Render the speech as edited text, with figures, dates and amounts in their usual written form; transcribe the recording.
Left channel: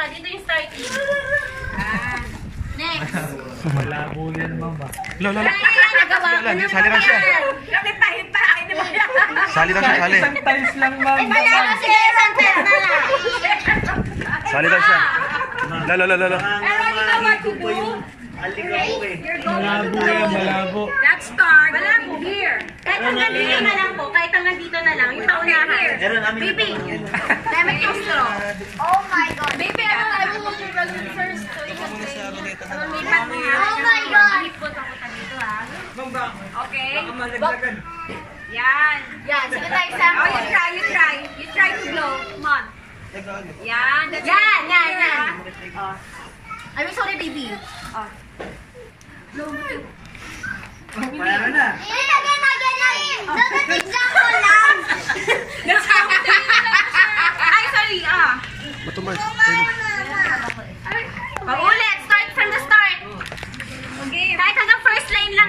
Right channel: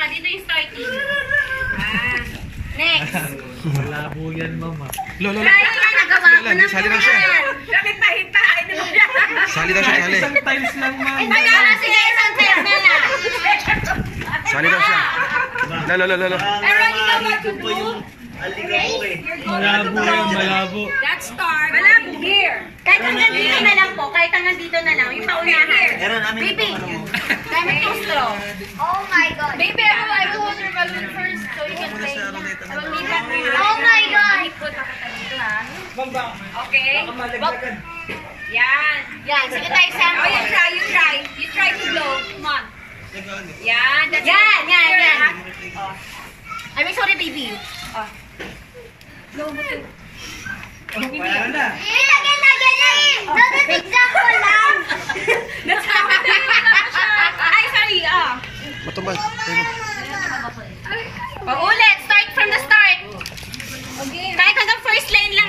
ka. Dito yung starting. Next. Malabo yan, mama. Lola. Nagawa ko na. Sali lang siya. Hita. Hindi mo yan. Sali daw siya, sali. Isang times lang, mama. Magana, sige, isang test na lang. Sali daw siya. Lalo. Pero you know what to do? Malabo yan, malabo. That start. Malabo. Here. Kahit hanggang dito na lang po. Kahit hanggang dito na lang. Yung paunahan. Baby. Gamit yung straw. Oh my God. Baby, I will hold your balloon first so you can play. Oh my God. Okay? Yan. Yan, sige tayo Oh, sample. you try. You try to blow. Come on. Yan. Yan. I'm sorry, baby. Kaya na. Ilagyan na ganyan. Dapat example lang. Ay, sorry. Matumbay. Ulit. Start from the start. Kahit hanggang first lane lang,